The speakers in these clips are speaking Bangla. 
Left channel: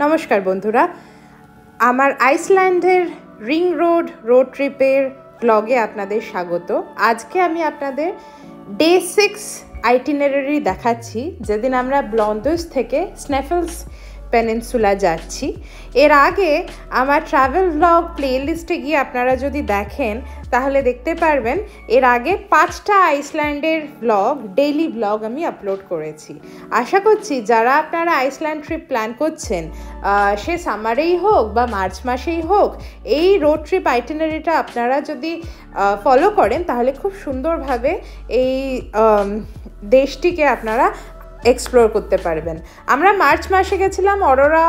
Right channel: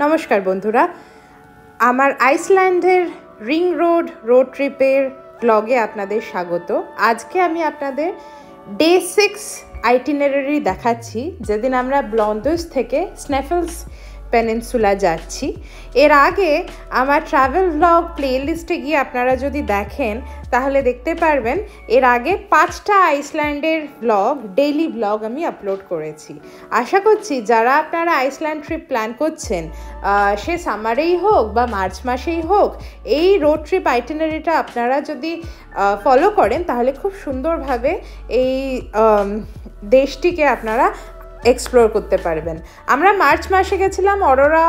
নমস্কার বন্ধুরা, আমার আইসল্যান্ডের রিং রোড ট্রিপের ব্লগে আপনাদের স্বাগত। আজকে আমি আপনাদের ডে 6 আইটিনারারি দেখাচ্ছি, যেদিন আমরা ব্লন্ডোস থেকে স্নেফেলস পেনিনসুলা যাচ্ছি। এর আগে আমার ট্রাভেল ব্লগ প্লেলিস্টে গিয়ে আপনারা যদি দেখেন তাহলে দেখতে পারবেন এর আগে 5টা আইসল্যান্ডের ব্লগ, ডেইলি ব্লগ আমি আপলোড করেছি। আশা করছি যারা আপনারা আইসল্যান্ড ট্রিপ প্ল্যান করছেন, সে সামারেই হোক বা মার্চ মাসেই হোক, এই রোড ট্রিপ আইটিনারিটা আপনারা যদি ফলো করেন তাহলে খুব সুন্দরভাবে এই দেশটিকে আপনারা এক্সপ্লোর করতে পারবেন। আমরা মার্চ মাসে গেছিলাম অরোরা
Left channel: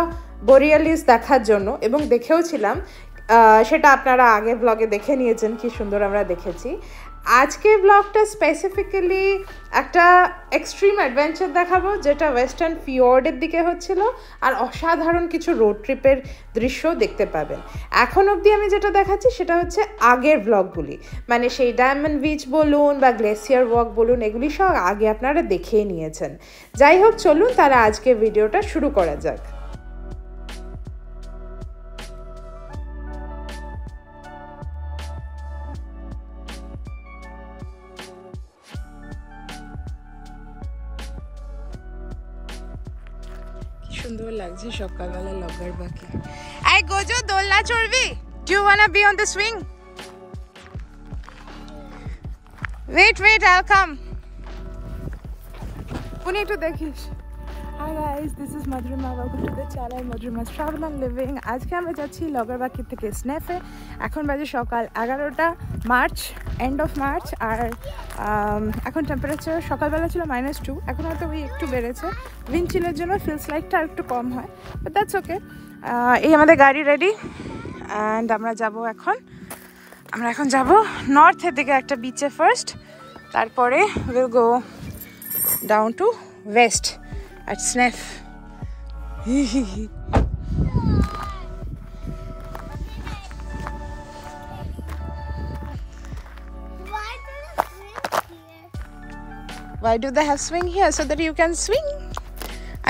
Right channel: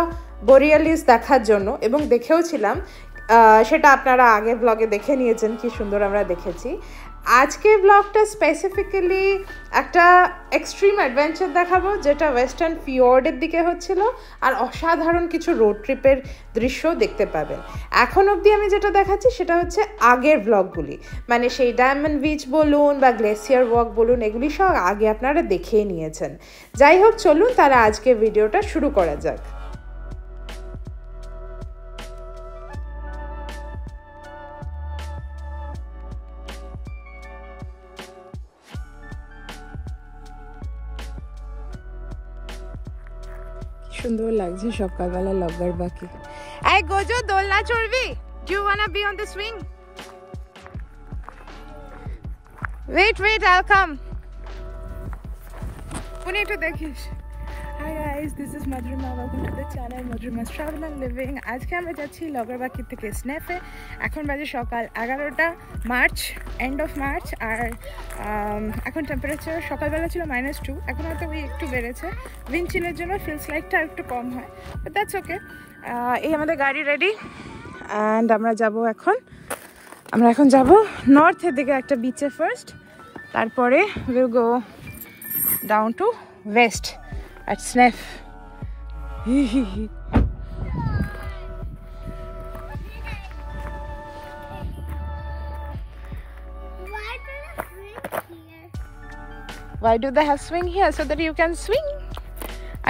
বোরিয়ালিস দেখার জন্য এবং দেখেওছিলাম, সেটা আপনারা আগের ব্লগে দেখে নিয়েছেন কি সুন্দর আমরা দেখেছি। আজকের ব্লগটা স্পেসিফিক্যালি একটা এক্সট্রিম অ্যাডভেঞ্চার দেখাবো, যেটা ওয়েস্টার্ন ফিওর্ডের দিকে হচ্ছিল, আর অসাধারণ কিছু রোড ট্রিপের দৃশ্য দেখতে পাবেন। এখন অবধি আমি যেটা দেখাচ্ছি সেটা হচ্ছে আগের ব্লগগুলি, মানে সেই ডায়মন্ড বিচ বলুন বা গ্লেসিয়ার ওয়াক বলুন, এগুলি সব আগে আপনারা দেখেই নিয়েছেন। যাই হোক, চলুন তাহলে আজকে ভিডিওটা শুরু করা যাক। সুন্দর লাগছে সকালবেলা লগর বাকি। এই গোজো, দোলনা চড়বি? Do you wanna be on the swing? Wait I'll come. উনি একটু দেখিস। Hi guys, this is Madhurima. Welcome to the channel Madhurima's Travel and Living. আজকে আমরা যাচ্ছি লগরবাকি থেকে স্নেফে। এখন বাজে সকাল 11টা, মার্চ, এন্ড অফ মার্চ। আর এখন টেম্পারেচার সকালবেলা ছিল -2, এখন হয়তো ওই একটু বেড়েছে। উইন্ড চিলের জন্য ফিলস লাইকটা আর একটু কম হয়, বাট দ্যাটস ওকে। এই আমাদের গাড়ি রেডি, অ্যান্ড আমরা এখন যাব নর্থের দিকে একটা বিচে ফার্স্ট, তারপরে will go down to West at Snef. Why do they have swing here? So that you can swing.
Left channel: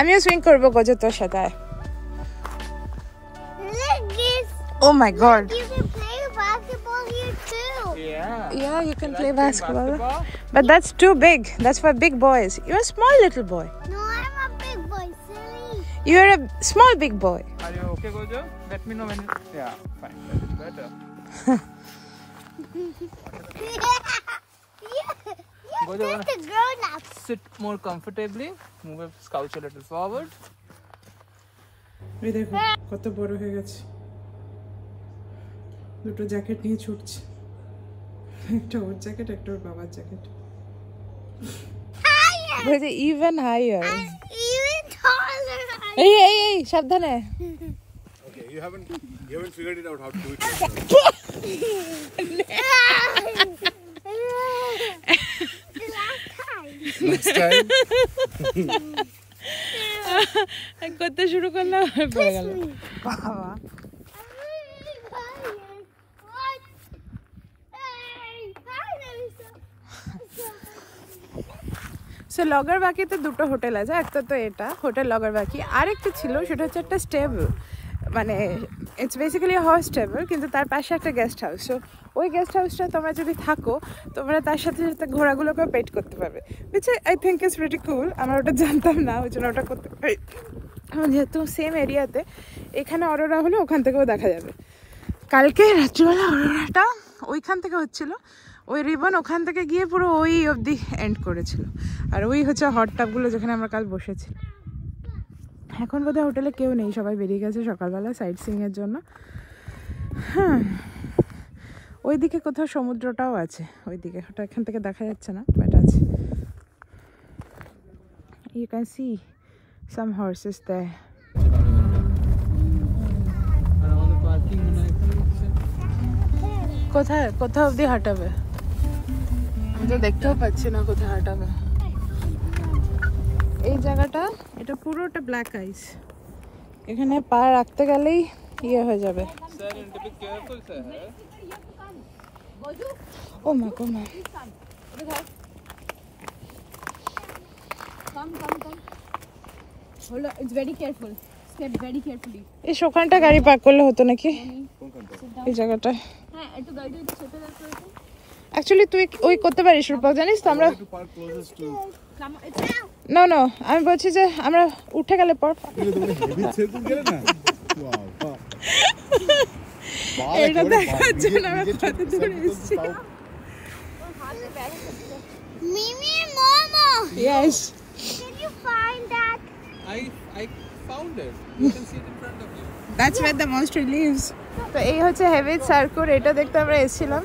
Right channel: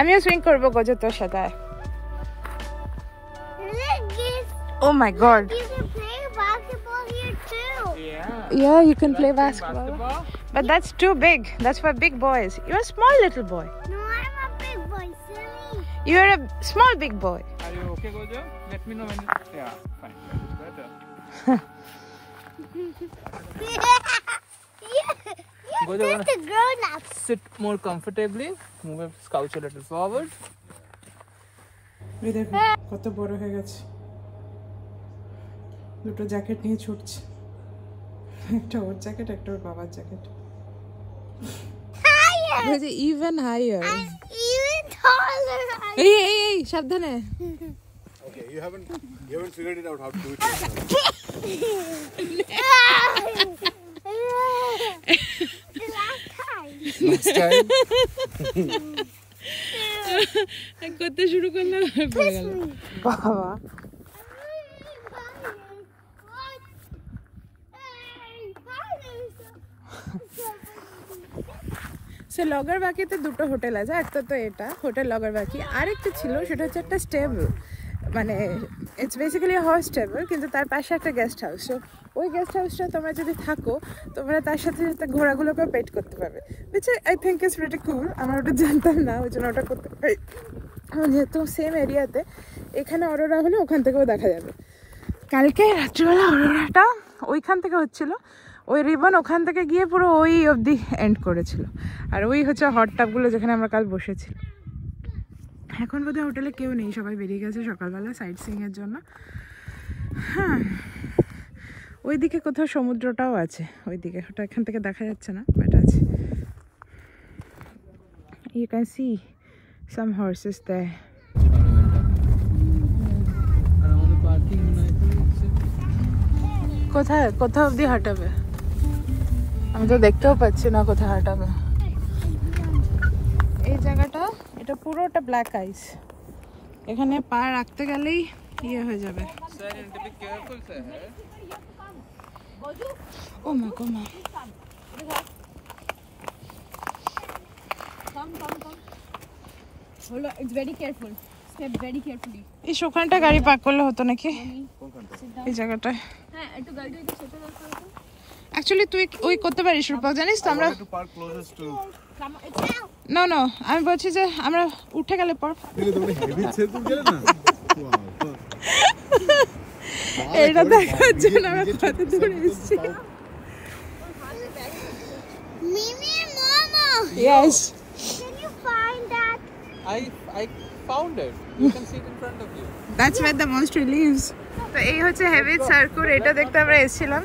আমিও swing করবো গোজো তোর সাথে। Oh my god. You can play basketball here too. Yeah, you can play basketball. But that's too big. That's for big boys. You're a small little boy. No, I'm a big boy, silly. You're a small big boy. Are you okay, Gojo? Let me know when you... Yeah, fine. That is better. Gojo, You're the grown up. sit more comfortably. Move your skull a little forward. এই দেখো কত বড় হয়ে গেছে। দুটো জ্যাকেট নিয়ে ছুটছি, একটা ওর জ্যাকেট, একটা ওর বাবার jacket. Higher. Even higher. Even taller. এই সাবধানে। Okay, you haven't figured it out how to do it. Last time. করতে শুরু করলাম, পড়ে গেল বাবা। সো লগরবাকিতে দুটো হোটেল আছে, একটা তো এটা হোটেল লগরবাকি, আরেকটা ছিল সেটা হচ্ছে একটা স্টেবল, মানে ইটস বেসিক্যালি হর্স স্টেবল, কিন্তু তার পাশে একটা গেস্ট হাউস। সো ওই গেস্ট হাউসটা তোমরা যদি থাকো, তোমরা তার সাথে সাথে ঘোড়াগুলোকে পেট করতে পারবে, which I think is pretty cool. আমার ওটা জানতাম না, ওই জন্য ওটা করতে পারি। যেহেতু সেম এরিয়াতে, এখানে অরোরা হলে ওখান থেকেও দেখা যাবে। কালকে রাত্রিবেলা অরোরাটা ওইখান থেকে হচ্ছিল, ওই রিবন ওখান থেকে গিয়ে পুরো ওই অবধি এন্ড করেছিল। আর ওই হচ্ছে হট টাবগুলো যেখানে আমরা কাল বসেছিলাম। এখন বোধহয় হোটেলে কেউ নেই, সবাই বেরিয়ে গেছে সকালবেলা সাইট সিইংয়ের জন্য। ওইদিকে কোথাও সমুদ্রটাও আছে, ওইদিকে, ওটা এখান থেকে দেখা যাচ্ছে না, বাট আছে। You can see some horses there. কোথায় অবধি হাঁটাবে? আমি তো দেখতেও পাচ্ছি না কোথায় হাঁটাবে। এই জায়গাটা, এটা পুরোটা ব্ল্যাক আইস, এখানে পা রাখতে গেলেই ইয়ে হয়ে যাবে। ও মা গো মা। Hold on, it's very careful. Get very carefully. এই ওখানটা গাড়ি পার্ক করলে হতো নাকি এই জায়গাটায় হ্যাঁ একটু গাড়ি ছোট রাখা আছে। অ্যাকচুয়ালি তুই ওই করতে পারিস রূপক জানিস তো আমরা To park closest to. No no আমি বলছি যে আমরা উঠে গেলে পর ये तो बड़े heavy से तुम गए ना. Wow. এটা দেখার জন্য আমরা কত দূরে এসেছি Mimi, Mama, yes can you find that? I found it. You can see it in front of you. That's where the monster lives তো এই হচ্ছে হেভিজ সার্কুল এটা দেখতে আমরা এসেছিলাম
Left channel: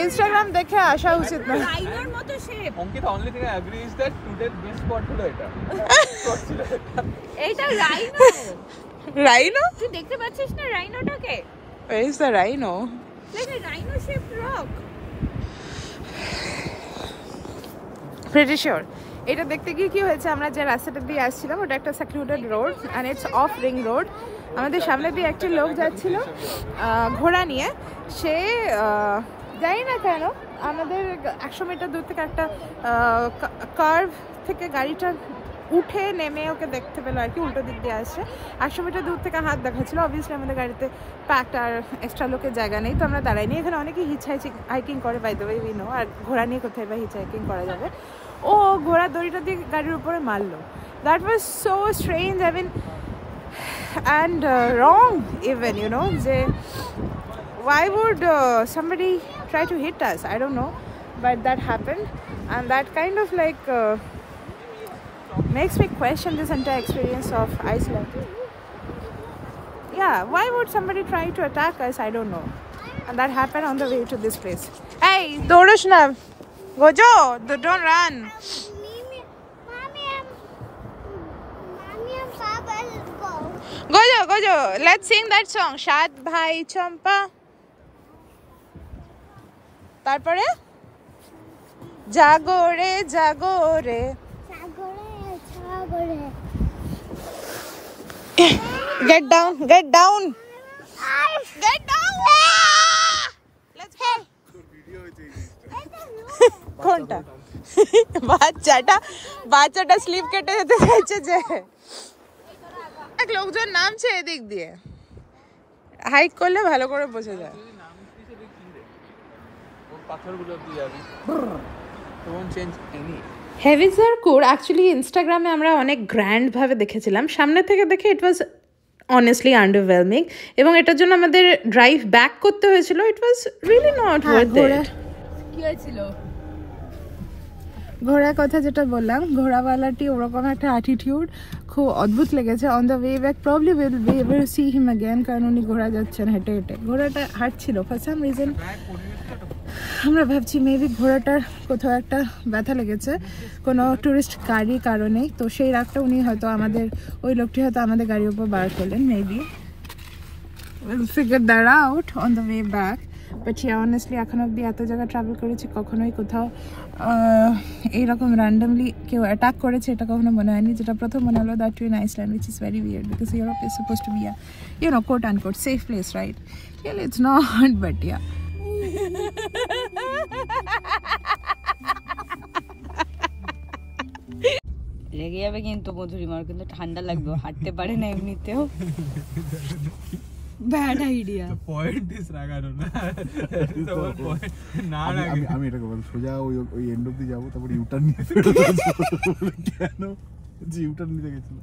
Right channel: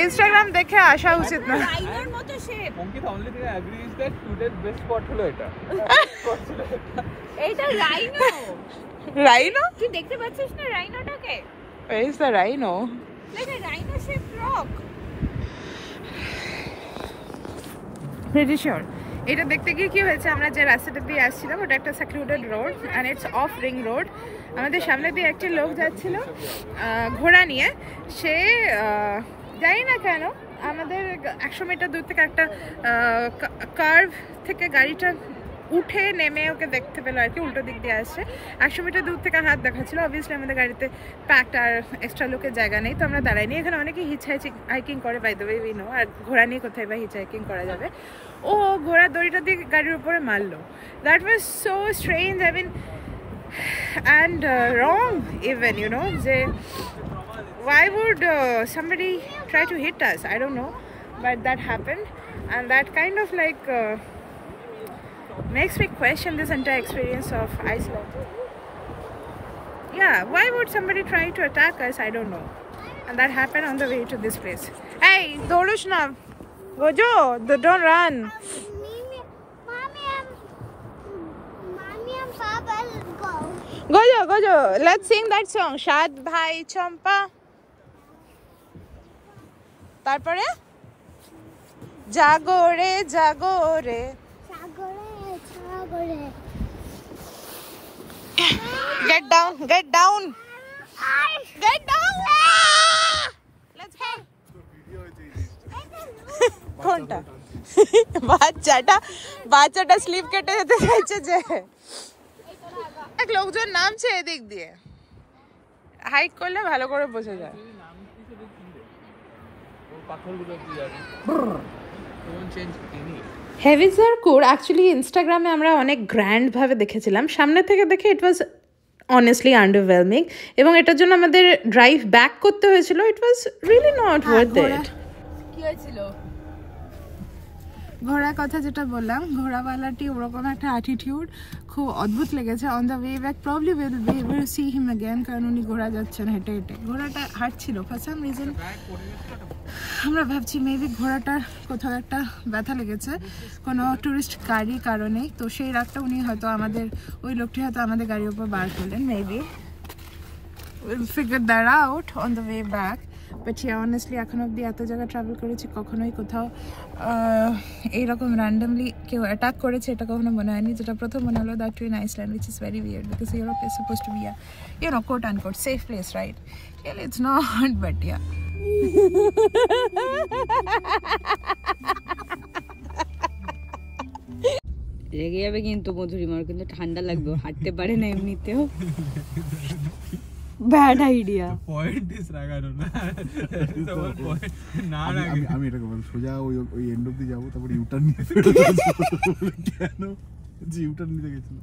ইনস্টাগ্রাম দেখে আসা উচিত না রাইনোর মতো shape. Onki, the only thing I agree is that today's best spot হলো এটা. এইটা রাইনো। রাইনো তুই দেখতে পাচ্ছিস না রাইনোটাকে? where is the rhino এটা rhino shape rock. pretty sure এটা দেখতে গিয়ে কি হয়েছে আমরা যে রাস্তাটা দিয়ে আসছিলাম ওটা একটা secluded road and it's off ring road আমাদের সামনে দিয়ে একটা লোক যাচ্ছিল ঘোড়া নিয়ে সে জানি না কেন আমাদের 100 মিটার দূর থেকে একটা কার্ভ থেকে গাড়িটা উঠে নেমে ওকে দেখতে পেলো আর কি উল্টো দিক দিয়ে আসছে 100 মিটার দূর থেকে হাত দেখাচ্ছিল অবভিয়াসলি আমাদের গাড়িতে প্যাকড আর এক্সট্রা লোকের জায়গা নেই তো আমরা দাঁড়াইনি এখানে অনেকেই হিচ হাইকিং করে by the way we know আর ঘোড়া নিয়ে কোথায় বা হিচ হাইকিং করা যাবে ও ঘোড়ার দড়িটা দিয়ে গাড়ির উপরে মারলো that was so strange I mean and wrong even you know যে why would somebody try to hit us? I don't know, but that happened and that kind of like makes me question this entire experience of Iceland. Yeah, why would somebody try to attack us? I don't know. And that happened on the way to this place. Hey, Dorashna, Gojo, don't run. Mommy and Papa, let's go. Gojo, let's sing that song. Shad Bhai Champa. তারপরে জাগরে জাগরে get down let's go কোনটা বাচ্চাটা স্লিপ কেটে যেতে চাইছে যে এক লোকজন নামছে এদিক দিয়ে হাইক করলে ভালো করে বোঝা যায় হেভি সার্কুল অ্যাকচুয়ালি ইনস্টাগ্রামে আমরা অনেক গ্র্যান্ড ভাবে দেখেছিলাম সামনে থেকে দেখে ইট ওয়াজ অনেস্টলি আন্ডারওয়েলমিং এবং এটার জন্য আমাদের ড্রাইভ ব্যাক করতে হয়েছিল it was really not worth it কি হয়েছিল? ঘোড়ার কথা যেটা বললাম ঘোড়াওয়ালাটি ওরকম একটা অ্যাটিটিউড খুব অদ্ভুত লেগেছে on the way back probably will be able to see him again কারণ উনি ঘোড়া যাচ্ছেন হেঁটে হেঁটে ঘোড়াটা হাঁটছিল ফর সাম রিজন আমরা ভাবছি মেবি ঘোড়াটার কোথাও একটা ব্যথা লেগেছে কোনো টুরিস্ট গাড়ির কারণে তো সেই রাগটা উনি হয়তো আমাদের ওই লোকটি হয়তো আমাদের গাড়ির উপর বার করলেন maybe will figure that out on the way back but honestly এখন অব্দি এত জায়গা ট্রাভেল করেছি কখনোই কোথাও এইরকম র্যান্ডামলি কেউ অ্যাটাক করেছে এটা কখনো মনে হয়নি যেটা প্রথম মনে হলো that to in Iceland which is very weird because Europe is suppose to be a you know quote and quote safe place right really it's not but yeah রেগে যাবে কিন্তু মধুরিমার কিন্তু ঠান্ডা লাগবে হাঁটতে পারে না এমনিতেও ব্যাড আইডিয়া Point is রাগানো না It's the whole point না আমি এটাকে বল সোজা ওই এন্ড অবধি যাবো তারপর ইউটার্ন নিয়ে কেন যে ইউটার্ন নিতে গেছিল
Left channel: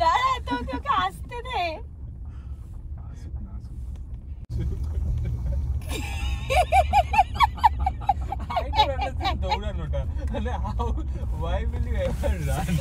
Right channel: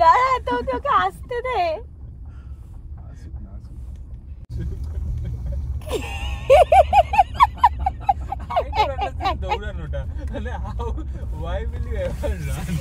দাঁড়া তো তোকে আসতে দে I don't understand দৌড়ানোটা মানে how why will you ever run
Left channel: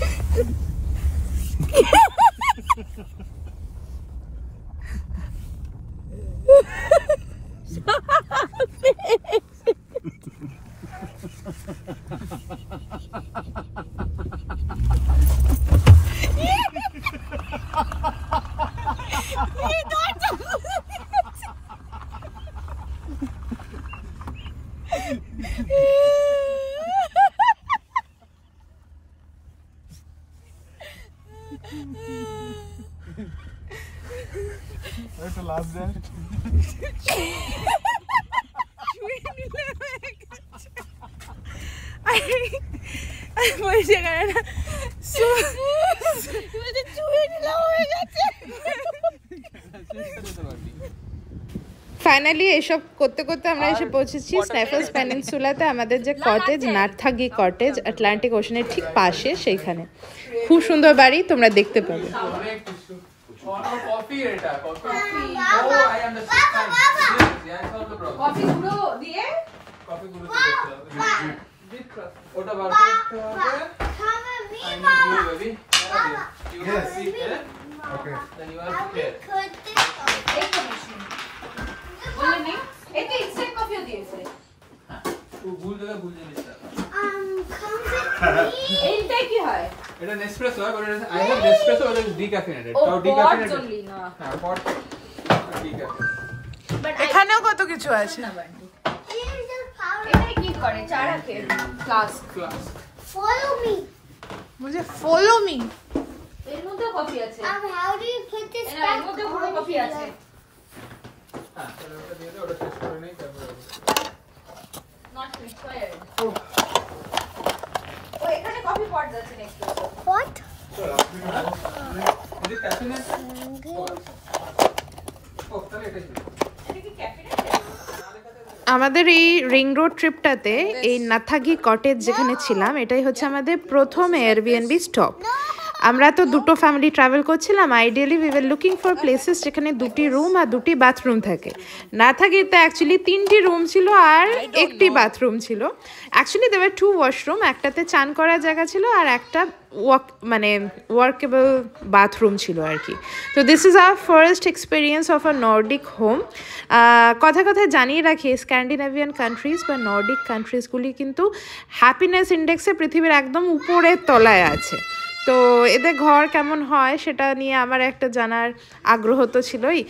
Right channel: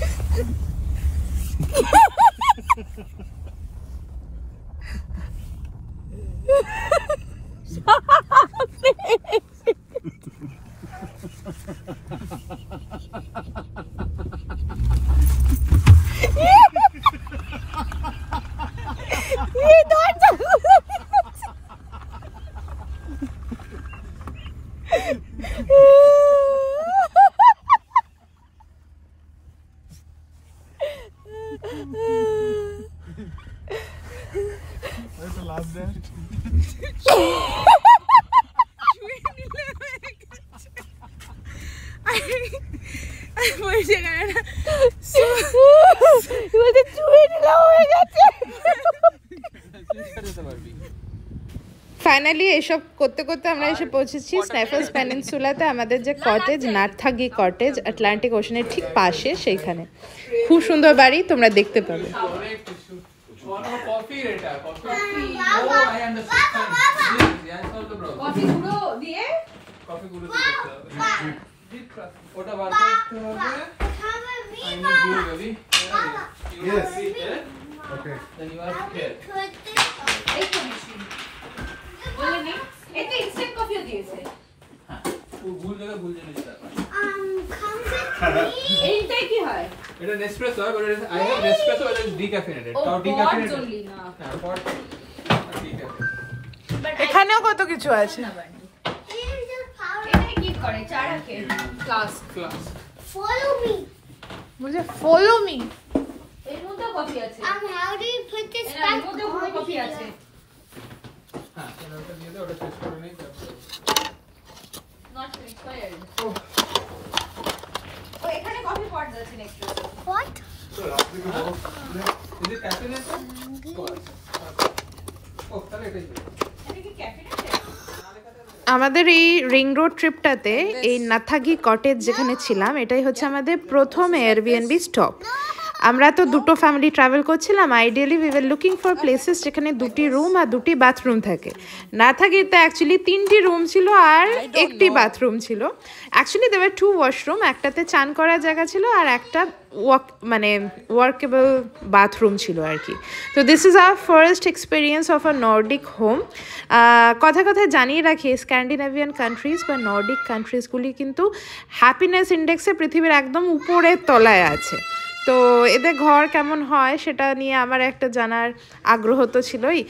Where's the last dance? বলছে কারণ বলতে চুয়ে নিলাম হয়ে গেছে। ফাইনালি এসব করতে করতে আমরা এসে পৌঁছেছি স্ন্যাফেলস পেনিনসুলাতে, আমাদের যে কটেজ নাথাগি কটেজ আটলান্টিক ওশানের ঠিক পাশে, সেইখানে খুব সুন্দর বাড়ি, তোমরা দেখতে পাবে। এটা নেসপ্রেসো আর এটা আই হ্যাভ নেসপ্রেসো আর ডিক্যাফেনেটেড তাও ডিক্যাফেনেটেড না হ্যাঁ পট এখানেও কত কিছু আছে। এটা কি করে চা রাখে ফ্লাস্ক Follow me. বলছে ফলো মি। এর মধ্যে কফি আছে How do you put this এর back মধ্যে on? কফি আছে হ্যাঁ তাহলে ওটা দিয়ে দাও, ওটা টেস্ট করে নেই তারপর নট প্রিপেয়ার্ড ও এখানে কফি পট আছে next What? Is it caffeinated? Oh, তাহলে এটা দিও। আমাদের এই রিং রোড ট্রিপটাতে এই নাথাগি কটেজ যেখানে ছিলাম, এটাই হচ্ছে আমাদের প্রথম এয়ারবিএনবি স্টপ। আমরা তো দুটো ফ্যামিলি ট্রাভেল করছিলাম, ideally we were looking for places যেখানে দুটি রুম আর দুটি বাথরুম থাকে। নাথাগিতে অ্যাকচুয়ালি 3টি রুম ছিল আর একটি বাথরুম ছিল। অ্যাকচুয়ালি দেওয়ার 2 ওয়াশরুম, একটাতে চান করার জায়গা ছিল আর একটা ওয়ার্কেবল বাথরুম ছিল আর কি। তো this is our first experience of a Nordic home. কথায় জানিয়ে রাখি, স্ক্যান্ডিনেভিয়ান কান্ট্রিজ বা নর্ডিক কান্ট্রিজগুলি কিন্তু হ্যাপিনেস ইন্ডেক্সে পৃথিবীর একদম উপরের তলায় আছে। তো এদের ঘর কেমন হয় সেটা নিয়ে আমার একটা জানার আগ্রহ তো ছিলই।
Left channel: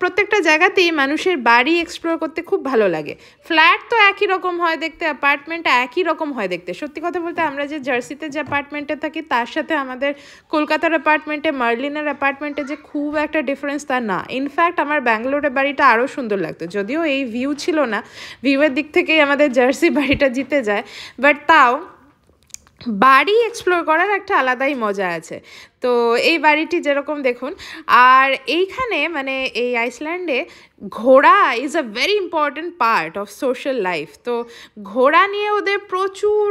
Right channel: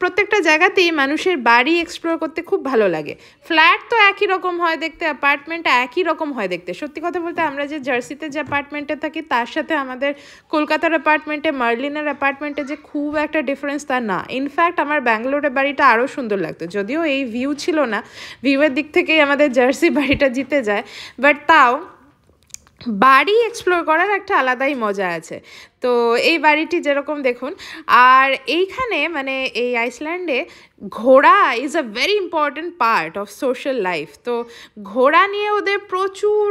প্রত্যেকটা জায়গাতেই মানুষের বাড়ি এক্সপ্লোর করতে খুব ভালো লাগে। ফ্ল্যাট তো একই রকম হয় দেখতে, অ্যাপার্টমেন্ট একই রকম হয় দেখতে। সত্যি কথা বলতে আমরা যে জার্সিতে যে অ্যাপার্টমেন্টে থাকি তার সাথে আমাদের কলকাতার অ্যাপার্টমেন্টে, মার্লিনের অ্যাপার্টমেন্টে যে খুব একটা ডিফারেন্স তা না। ইনফ্যাক্ট আমার ব্যাঙ্গালোরের বাড়িটা আরও সুন্দর লাগতো, যদিও এই ভিউ ছিল না, ভিউয়ের দিক থেকেই আমাদের জার্সি বাড়িটা জিতে যায়, বাট তাও বাড়ি এক্সপ্লোর করার একটা আলাদাই মজা আছে। তো এই বাড়িটি যেরকম দেখুন, আর এইখানে মানে এই আইসল্যান্ডে ঘোড়া is a very important part of social life. তো ঘোড়া নিয়ে ওদের প্রচুর,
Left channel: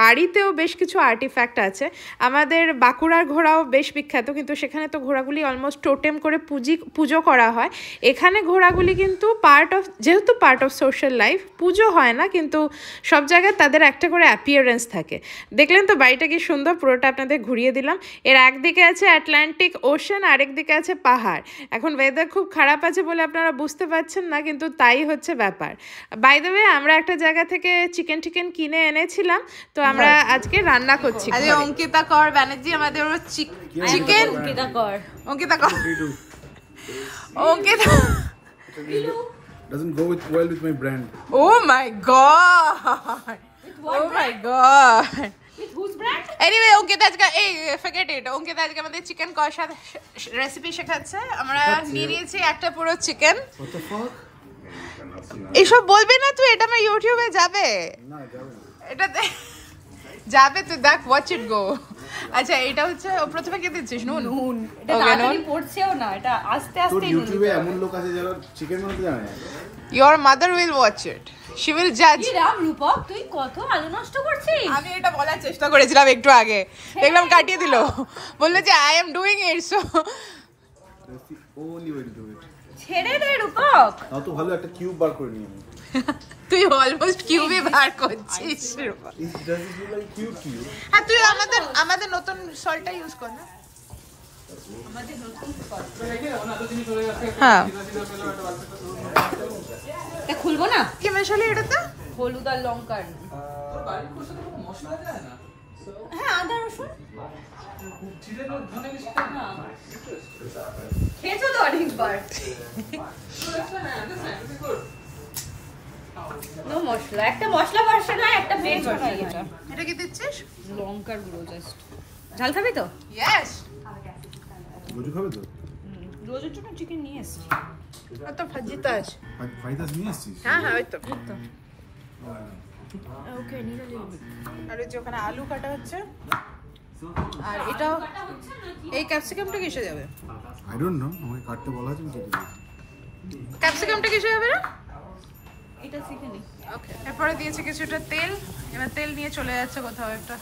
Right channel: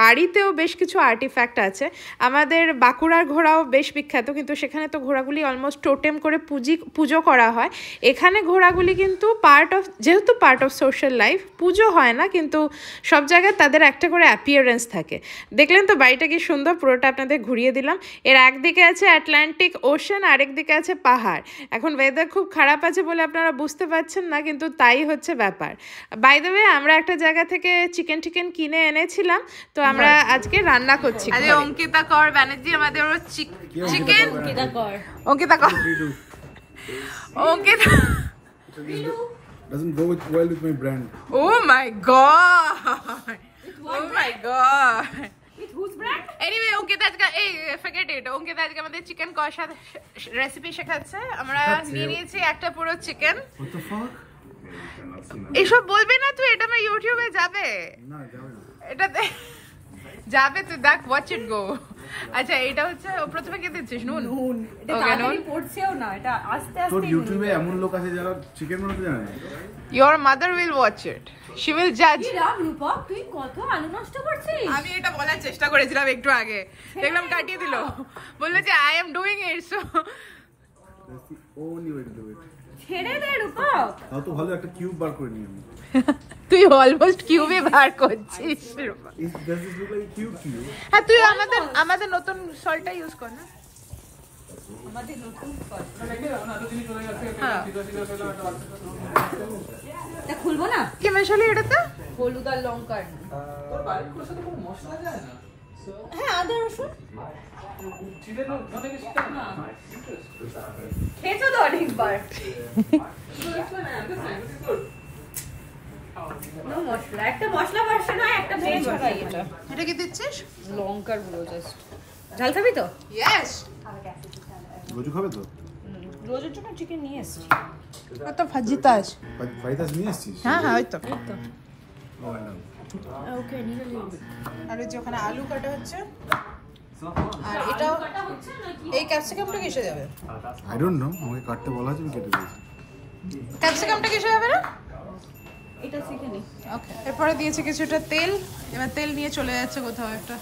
বাড়িতেও বেশ কিছু আর্টিফ্যাক্ট আছে। আমাদের বাঁকুড়ার ঘোড়াও বেশ বিখ্যাত, কিন্তু সেখানে তো ঘোড়াগুলি অলমোস্ট টোটেম করে পুজো করা হয়। এখানে ঘোড়াগুলি কিন্তু যেহেতু পার্ট অফ সোশ্যাল লাইফ, পুজো হয় না, কিন্তু সব জায়গায় তাদের একটা করে অ্যাপিয়ারেন্স থাকে। দেখলেন তো বাড়িটা কি সুন্দর, পুরোটা আপনাদের ঘুরিয়ে দিলাম। এর একদিকে আছে আটলান্টিক ওশান, আরেকদিকে আছে পাহাড়। এখন ওয়েদার খুব খারাপ আছে বলে আপনারা বুঝতে পারছেন না, কিন্তু তাই হচ্ছে ব্যাপার। বাই দ্য ওয়ে, আমরা একটা জায়গা থেকে চিকেন কিনে এনেছিলাম, তো আমরা আজকে রান্না করছি। অঙ্কিতা কর ব্যানার্জি আমাদের চিকেন, অঙ্কিতা কর Doesn't go well with my brand. Oh my god! Oh my god! whose brand Anyway, Ankita আজকে forget it. অঙ্কিতা আজকে আমাদের চিকেন কষা রেসিপি শেখাচ্ছে। আমরা নিয়ে নিয়েছি একটা পুরো চিকেন। What the fuck? এসব বলবি না তুই, এটা আমার ইউটিউবে যাবে। না যাবে না। এটাতে যাবে, তুই দেখ, ওয়াচ ইট গো। আচ্ছা, এটা হচ্ছে প্রথমে কি দিচ্ছিস? নুন। এটা ওকে, নুন। পড়ছেও না, এটা আস্তে তোর আস্তে ইউটিউবে এমন লোক আছে যারা চিকেন বানাতে জানে না। Your mother will watch it. She will judge. কি রাম রূপক, তুই কত আলু নষ্ট করছিস? আমি এটা বলার চেষ্টা করেছিলাম একটু আগে, দেখলাম কাটিয়ে দিল, বললো যে I am doing it, so That's the only way to do it. ছেড়ে দে রূপক। নাও তো ভালো একটা কিউব বার করে নিই আমি। তুই অলমোস্ট কিউবে বার করছিস। Does this look like a cube to you? হ্যাঁ, তুই আমাদের নতুন সল্টটা ইউজ কর না। আমাদের নতুন স্পট হ্যাঁ, এ খুলবো না, কি মেশালি এটাতে? হলুদ আর লঙ্কার। মশলা যায় না হ্যাঁ, আদা রসুন চিকেন ধনে কিছু না খেয়েছো তো অনেকবার। নো মশলা, একটা মশলা ভার্সন হয়, একটা ভেজ হয়। এটা কি দিচ্ছিস? লঙ্কার গুঁড়ো জাস্ট। ঝাল খাবি তো? ইয়েস। রোজু খাবে তো? রোজের জন্য চিকেন নিয়ে এসছি। তো ভাজিতা আছে। ফাইদাস নিয়ে এসেছিস? হ্যাঁ, ওই তো। ওকে নিয়ে নিয়ে আর ওই যে ওখানে আলু কাটা হচ্ছে, আর এটাও এই ক্যাপসিকামটা কিসে যাবে? আই ডোন্ট নো, আমাকে কাটতে বলা আছে, আমি কেটে দিয়েছি। ক্যাপসিকামটা কিসে যাবে না? এটা শিখে নি। ওকে, এরপরে দিয়েছে কিছুটা তেল, এবার তেল নিয়ে চলে যাচ্ছে কোথাও একটা।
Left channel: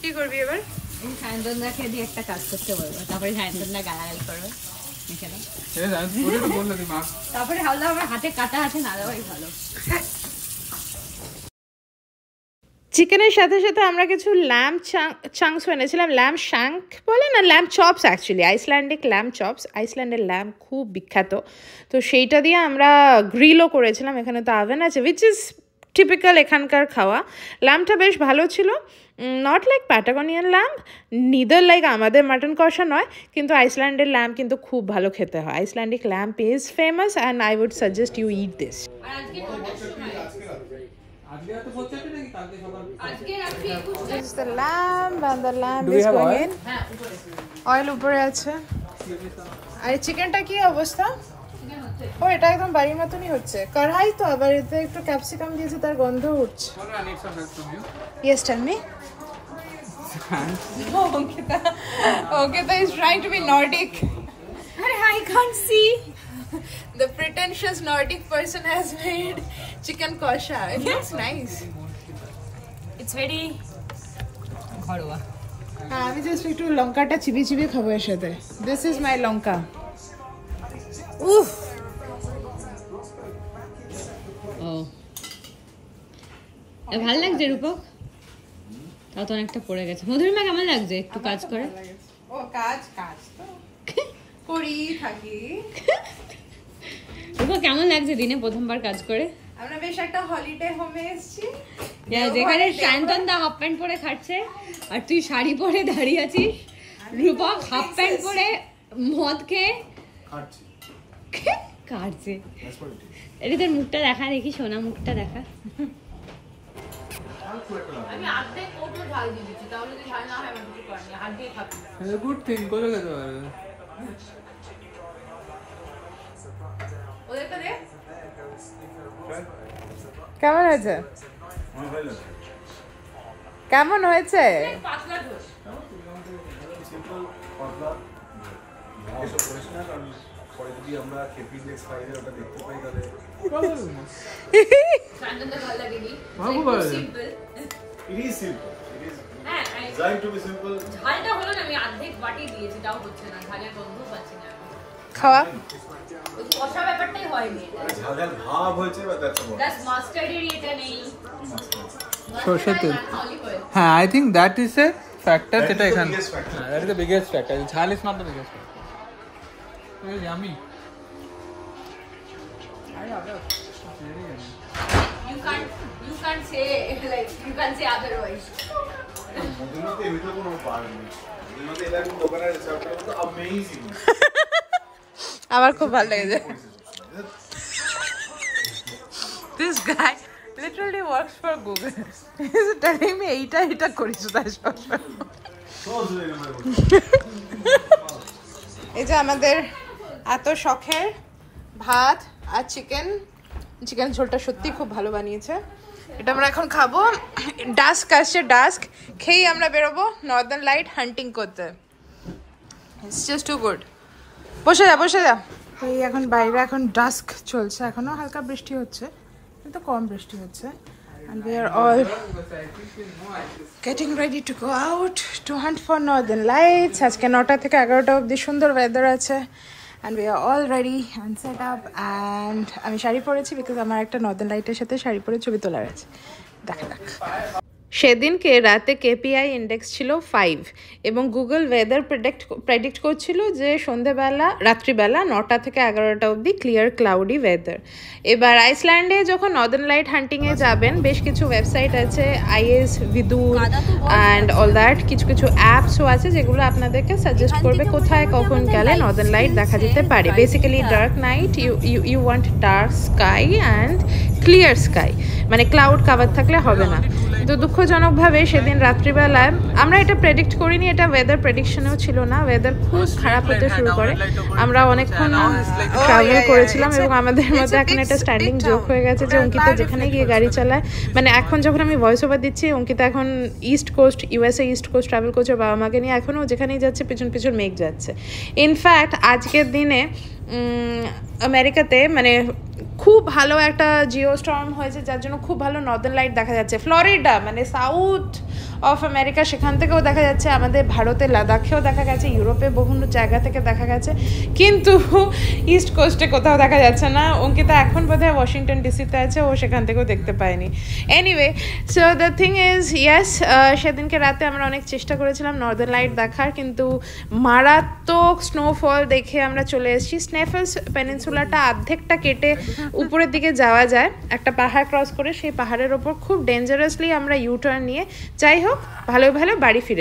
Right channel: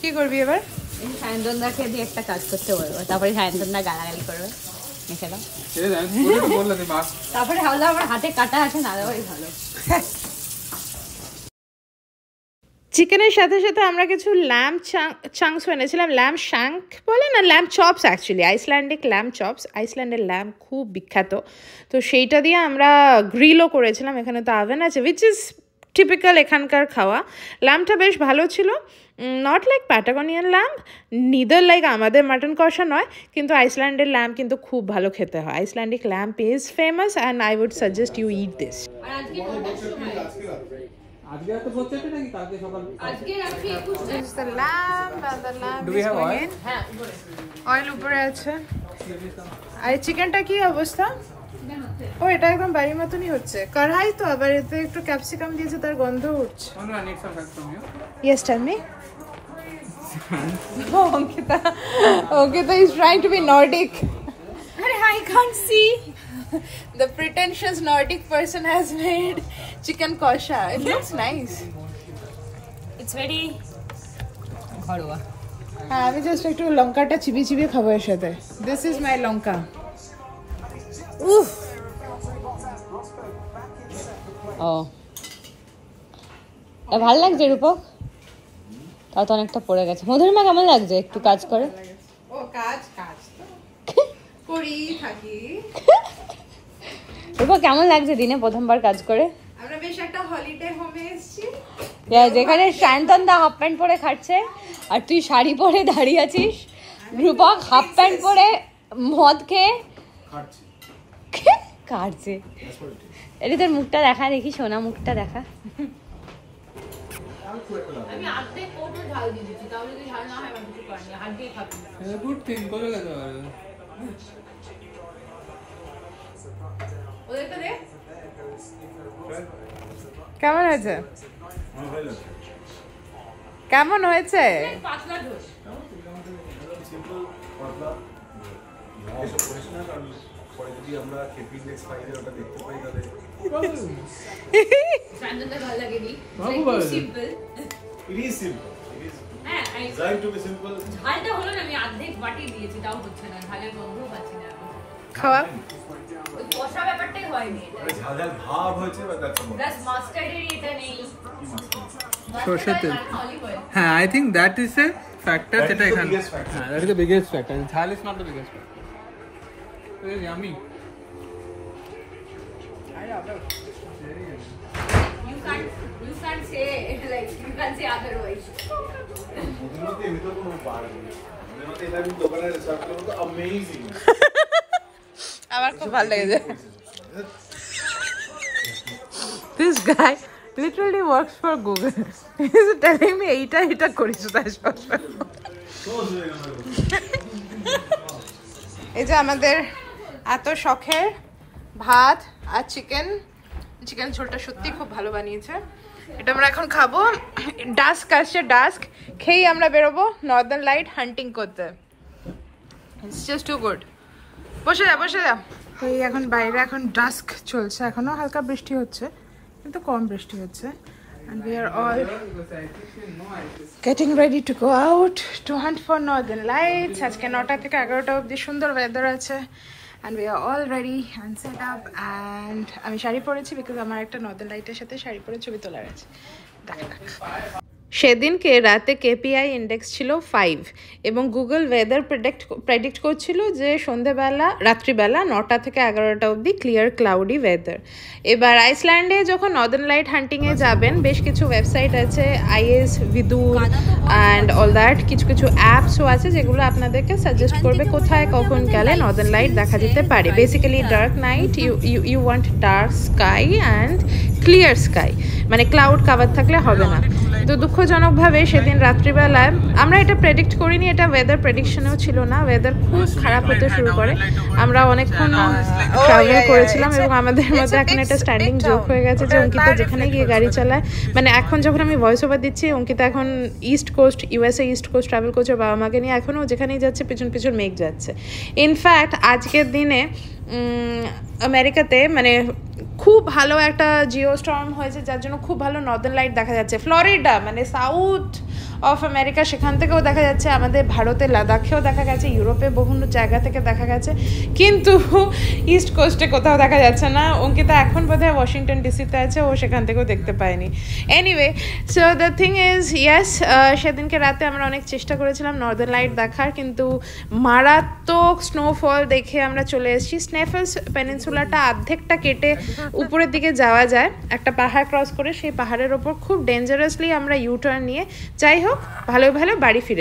কি করবি এবার? এই সায়ন্তনদাকে দিয়ে একটা কাজ করতে বলবো, তারপরে সায়ন্তনদা গালাগালি করবে মেখে দাও, তারপরে ভাবলাম আমার হাতে কাটা আছে না দেওয়াই ভালো। চিকেনের সাথে সাথে আমরা কিছু ল্যাম্প চাংস এনেছিলাম, ল্যাম্প শ্যাঙ্ক বলে না, lamb chops actually, Icelandic lamb chops. আইসল্যান্ডের ল্যাম্প খুব বিখ্যাত, তো সেইটা দিয়ে আমরা গ্রিলও করেছিলাম। এখানে তো আভেন আছে, উইচ ইজ টিপিক্যাল এখানকার খাওয়া। ল্যাম্পটা বেশ ভালো ছিল, not like Patagonian lamb, neither like আমাদের মাটন কষা নয়, কিন্তু আইসল্যান্ডের ল্যাম্প কিন্তু খুব ভালো খেতে হয়। Icelandic lamp is famous and I would suggest you eat this. This is the lamb and the lamb is going in. Oil উপরে আছে। আর চিকেনটা কি অবস্থা? ও এটা একদম বাড়ির মতনই হচ্ছে, কড়াই তো, আবার এতে একটু ক্যাপসিকাম দিয়েছে, তার গন্ধ উঠছে। Yes, tell me. Ankita is trying to be Nordic. I can't see. The pretentious Nordic person has made chicken kosha. It looks nice. It's very ঘরোয়া। হ্যাঁ, আমি জাস্ট একটু লঙ্কাটা চিবিয়ে চিবিয়ে খাবো এর সাথে। This is my লঙ্কা। উফ। ও ভালো লাগছে রূপক, তাও তো অনেকটা পড়ে গেছে। মধুরিমা কেমন লাগছে একটু কাজ করে? ও কাজ করি থাকি। রূপক কেমন লাগছে দিনে প্রথমবার কাজ করে? আমরা বেশ একটা হলিডে হোমে এসেছি, যেখানে সায়ন্তনদা হাফ প্যান্ট পরে খাচ্ছে আর তুই শাড়ি পরে দাঁড়িয়ে আছিস। রূপক হাফ প্যান্ট পরে মদ খেয়ে কাটছে। এটা তোর মুখটা দেখা, দেখি সোনা মুখটা দেখা। আমি আর্ধেক কোটো ঝাল দিয়ে দিচ্ছি, তাহলে যদি ঝাল না হয় আমি কিছু করিনি, হাত দিয়ে খাবি। গুড থিং করে গেছে আর ওদের তো রে কেমন হয়েছে? কেমন হয়েছে? পাতলা ঝোল। সিম্পল পাতলা এসব করিস না, কারণ পরে যদি আমরা কেপি নেক্সট ফ্রাইডে ওটা দেখতে পাই তাহলে সায়ন্তনদা ভালো লাগেনি। বাবু ভালো। Simple. It is simple, it is হ্যাঁ, ডিজাইন টু বি সিম্পল। ঝালটা হলো না, আমি অর্ধেক বাটি দিয়েছি, তাও হচ্ছে না, ঝালের গন্ধ পাচ্ছি না। খাওয়া ওই কষা ব্যাপারটাই হয়নি, ঝাল ভাব হয়েছে, বাট দ্যাটস অল। প্লাস মাস্টার্ডের এটা নেই। সরষের তেল। হ্যাঁ, I think that is a factor যেটা এখানে, হ্যাঁ, that is the biggest factor. ঝাল is not the biggest factor. It is yummy. You can't say like you can't say otherwise. ওদের ভিতরে কোনো পার নেই, ওদের মধ্যে এটা কিন্তু দোকানে সার্ভ করা তো অ্যামেজিং। আমার খুব ভালো লেগেছে। This guy literally works for Google. He's telling me এইটা করিস তার সাথে। এই যে আমাদের এত শখের ভাত আর চিকেন ঝোলটা সত্যি খুব ভালো বানিয়েছে। এটা আমরা এখন খাবো। ডাস্ক আসছে, ডাস্ক খেয়েই আমরা বেরোবো নর্দার্ন লাইট হান্টিং করতে। It's just too good. বসে যা। এই এখন বাইরে এখন ডাস্ক চলছে, এখনো হালকা বৃষ্টি হচ্ছে কিন্তু কম বৃষ্টি হচ্ছে। And we are all getting ready to go out to hunt for northern lights. আজকে 9টা থেকে 11টা অবধি সুন্দর ওয়েদার আছে, and we are all ready and set up. And আমি শাড়ি পরেছি বিকজ আমার একটা নর্দার্ন লাইটের সাথে শাড়ি পরে ছবি তোলার আছে। দেখ সেদিনকে রাতে কেপিআই ইন্ডেক্স ছিল 5 এবং গুগল ওয়েদার প্রেডিক্ট করছিল যে রাত্রিবেলা 9টা থেকে 11টা অবধি ক্লিয়ার ক্লাউডি ওয়েদার। এবার আইসল্যান্ডে যখন নর্দার্ন লাইট হান্টিংয়ে যাবেন, বেশ কিছু ওয়েবসাইট আছে, আইএস, ভিদুর অ্যান্ড অল দ্যাট, কিছু অ্যাপসও আছে যেগুলো আপনাদেরকে সাজেস্ট করবে কোথায় কখন গেলে নর্দার্ন লাইট দেখা যেতে পারে। Basically dark night, you want dark sky and clear sky, মানে ক্লাউড কাভার থাকলে হবে না। কিন্তু দুঃখজনকভাবে সেদিন রাত্রিবেলায় আমরা এটা প্রেডিক্ট করিনি, এটা ওয়েদার প্রেডিকশনেও ছিল না, ওয়েদার খুব খারাপ হতে শুরু করে। আমরা অনেকক্ষণ ট্রাভেল করেছিলাম এবং আমাদের মধ্যে এখন একটা স্ট্যান্ডিং জোক হয়ে গেছে যে অঙ্কিতা যেখানে গিয়ে গাড়ি চালায়, মানে এখন যখন আমি ভয়েস ওভার দিচ্ছি অঙ্কিতা এখন east coast USA east coast travel করছে বাবা মাকে নিয়ে, এখনও যেখানেই যাচ্ছে পিছন পিছন মেঘ যাচ্ছে। ইনফ্যাক্ট আজকের দিনে আমেরিকাতে মানে খুব ভালো একটা জিও স্টর্ম হয়েছে, যার জন্য খুব ভালো নর্দার্ন লাইট দেখা যাচ্ছে। ফ্লোরিডা মানে সাউথ অফ আমেরিকা, সেখান থেকেও দেখা যাচ্ছে, আমাদের ভারতে লাদাখেও দেখা গেছে, ইউরোপে বিভিন্ন জায়গা থেকে দেখা গেছে, কিন্তু ইস্ট কোস্টে কোথাও দেখা যাচ্ছে না। অঙ্কিতা এখন বোধহয় ওয়াশিংটন ডিসিতে আছে, ও সেখান থেকেও দেখতে পায়নি। Anyway, so the thing is yes, সেদিনকে রাতে আমরা অনেক চেষ্টা করেছিলাম নর্দার্ন লাইট দেখার, কিন্তু মারাত্মক স্নোফল দেখে আমরা চলে এসেছি। স্নেফেলস পেনিনসুলাটা অর্ধেকটা কেটে উপরের দিকে যাওয়া যায় একটা পাহাড় ক্রস করে, সেই পাহাড়ের ওপর খুব ডেঞ্জারাসলি আমরা ইউটার্ন নিয়ে, যাই হোক ভালো ভালো বাড়ি ফিরে